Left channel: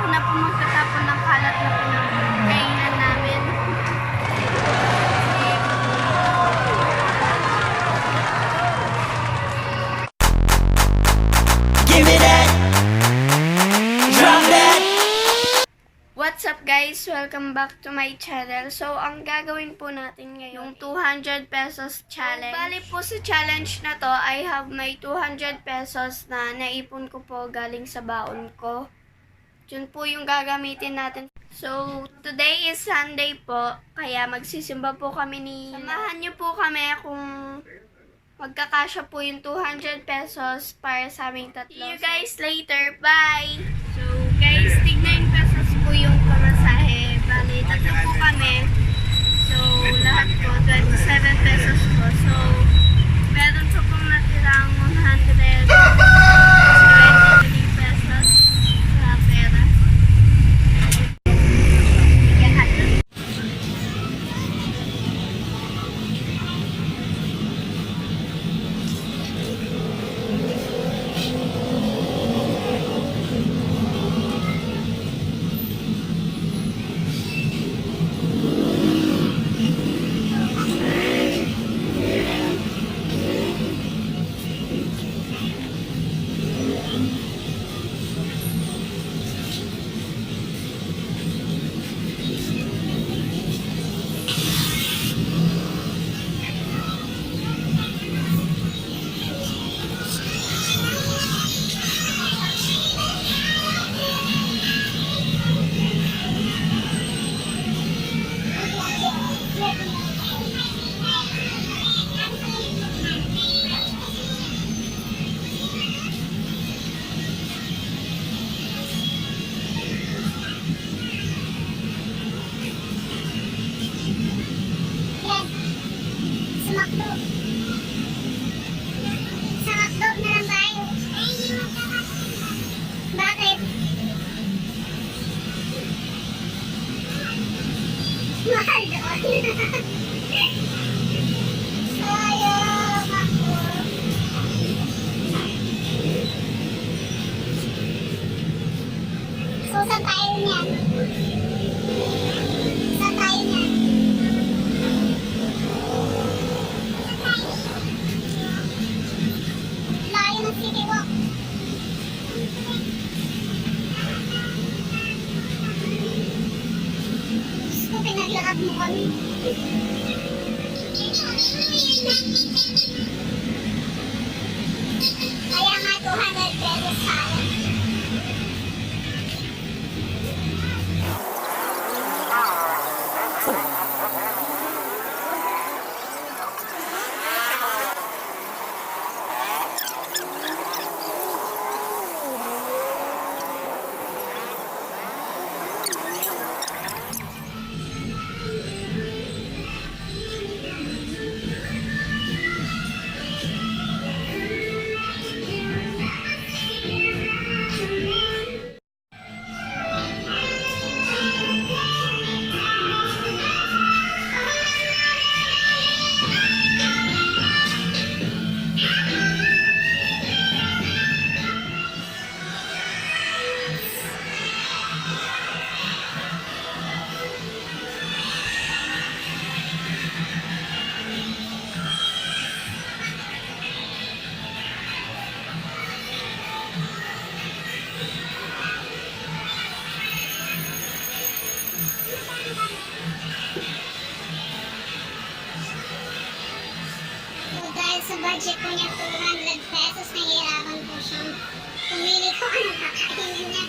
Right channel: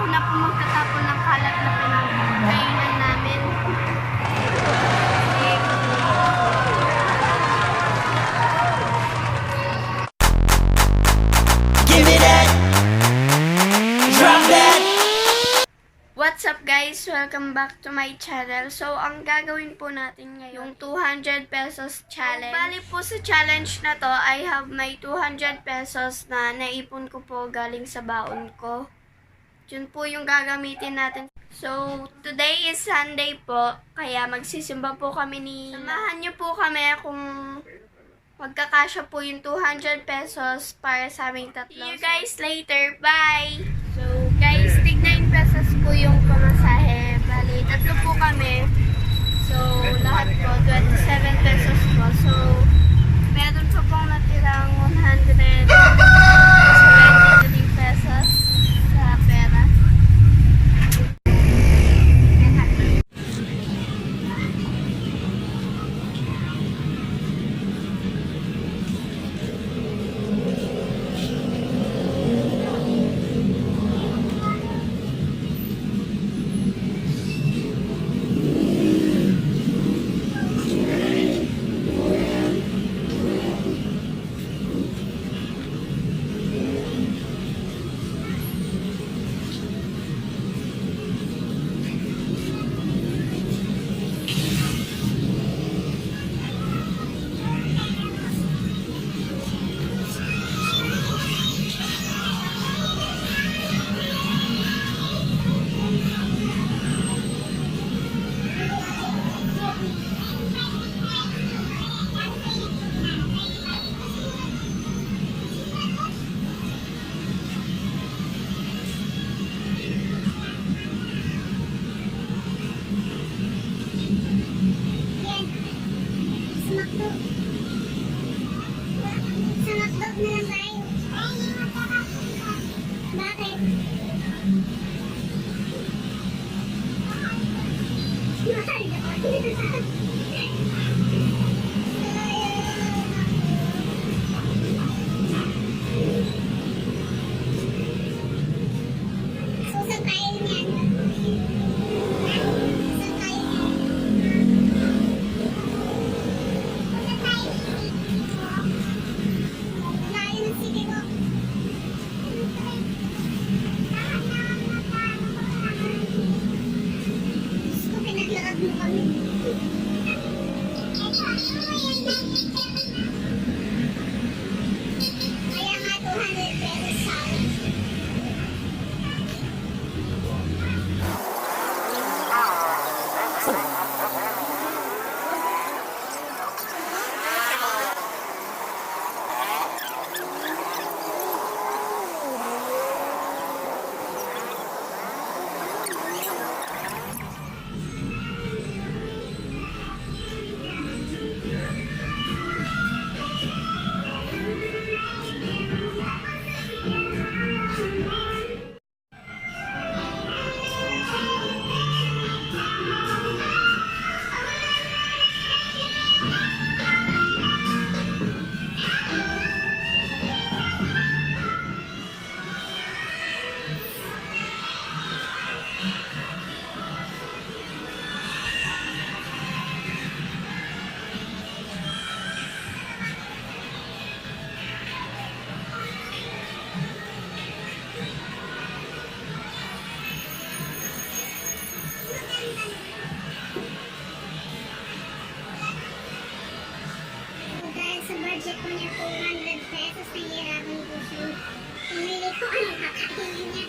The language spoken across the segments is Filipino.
ako na po magtatapon ng kalat na pinagkainan namin. Give me that. Drop that. What's up guys? Welcome back to my channel. So, ang gagawin po natin ngayon, yung 200 pesos challenge. Bali po sa challenge na to, I have my 200 pesos na naipon ko po galing sa baon ko. Yun po yung gagamitin natin. So, today is Sunday po, kaya magsisimba po kami ni... Samahan niyo po kami kung magkakasya po yung 200 pesos para sa aming tatlo. See you guys later. Bye! So, guys, 9 pesos po yung pamasahe. Bali, tatlo po kami. So, lahat po, 27 pesos po. So, meron po pong natirang 123 pesos sa pera. Yan natin. Sumakdo. Sumakdo na lang tayo. Bakit? Mahal doon. Sayang ako. So, saan tayo niyan? Saan tayo niyan? Layo ng city walk. Diyos ko, pinaglakad mo kami. Kaya nga 200 pesos sa akin. Dahil sa budget ko niya 200 pesos, nahihirapan ko siyang pumili ko anong kakainin niya.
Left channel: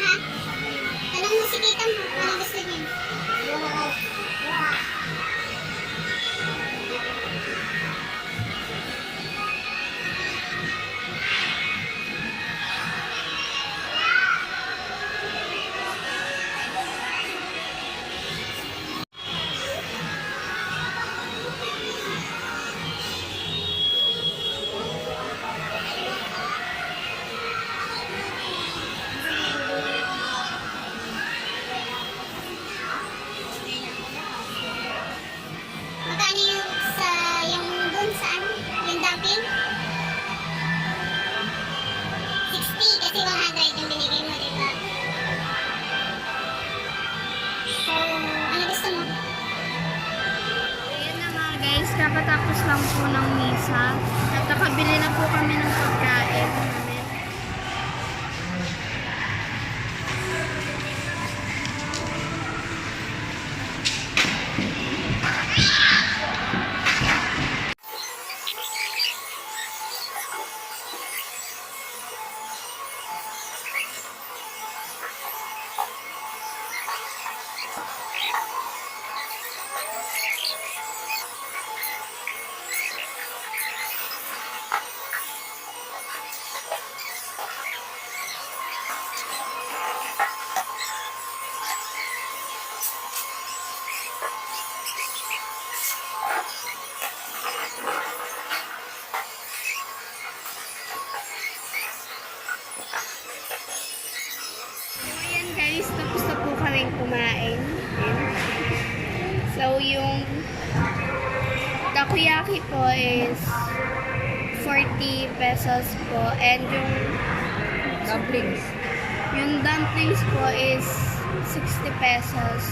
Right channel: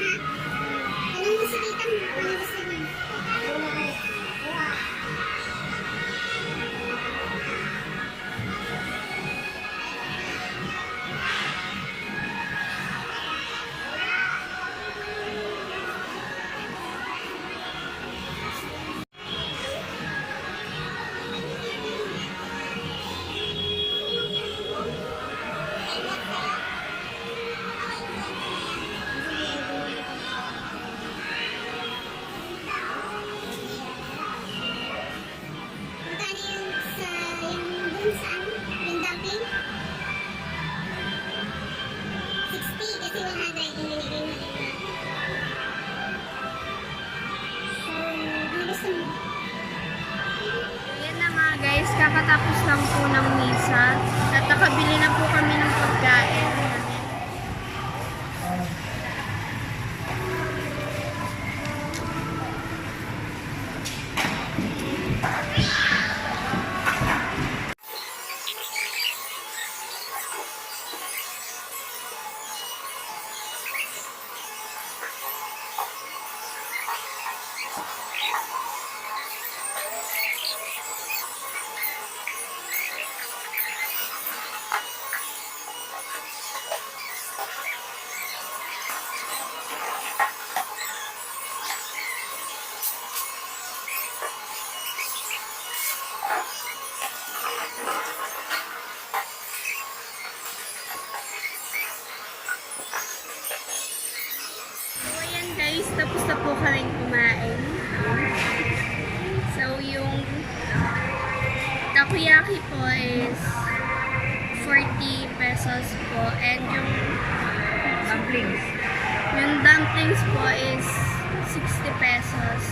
Ha? Tanong mo si tita mo, anong gusto niya? kakatapos lang po ng misa. At nakabili na po kami ng pagkain namin. So, ayan guys, tapos na po kaming kumain. Ayan. So, yung takoyaki po is 40 pesos po. And yung dumplings po is 60 pesos.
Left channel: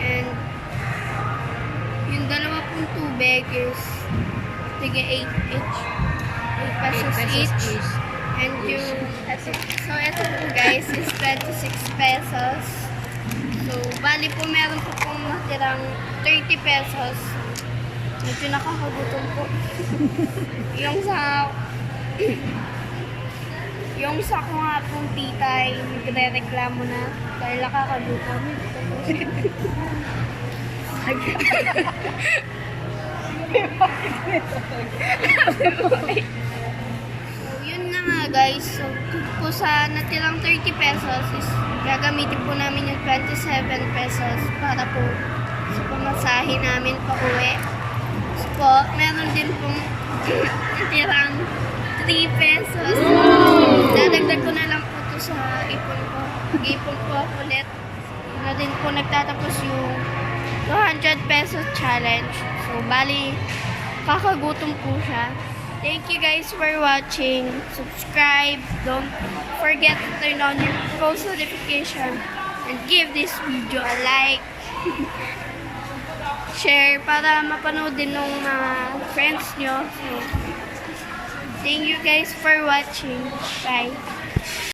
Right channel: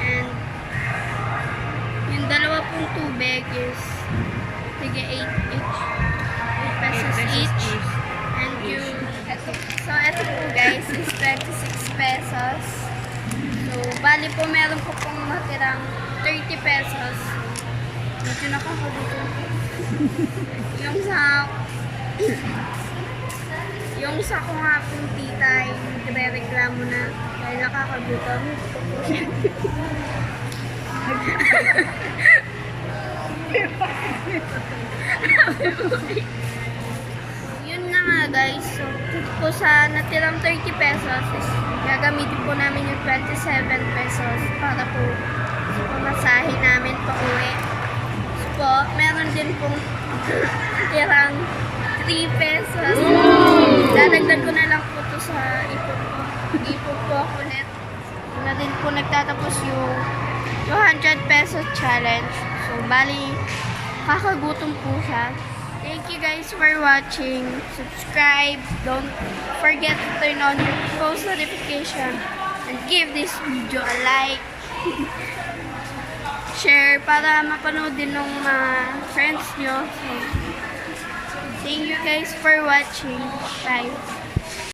And yung dalawa pong tubig is tiga 8 each. 8 pesos each. And yung, eto po guys is 26 pesos. So, bali po meron po pong natirang 30 pesos. So, medyo nakakagutom po. yung sa ko nga pong tita ay nagre-reklamo na dahil nakakagutom. So, yun na nga guys. So, dito po sa natirang 30 pesos is gagamitin po namin yung 27 pesos para po sa pamasahe namin pa uwi. So po, meron din pong natirang 3 pesos. Dadagdag ko na lang po to sa ipon ko. Mag-ipon po ako ulit. Na din po nagtatapos yung 200 pesos challenge. So, bali, kakagutom po siya. Thank you guys for watching. Subscribe. Don't forget to turn on your post notification and give this video a like. Share para mapanood din ng mga friends nyo. So, thank you guys for watching. Bye.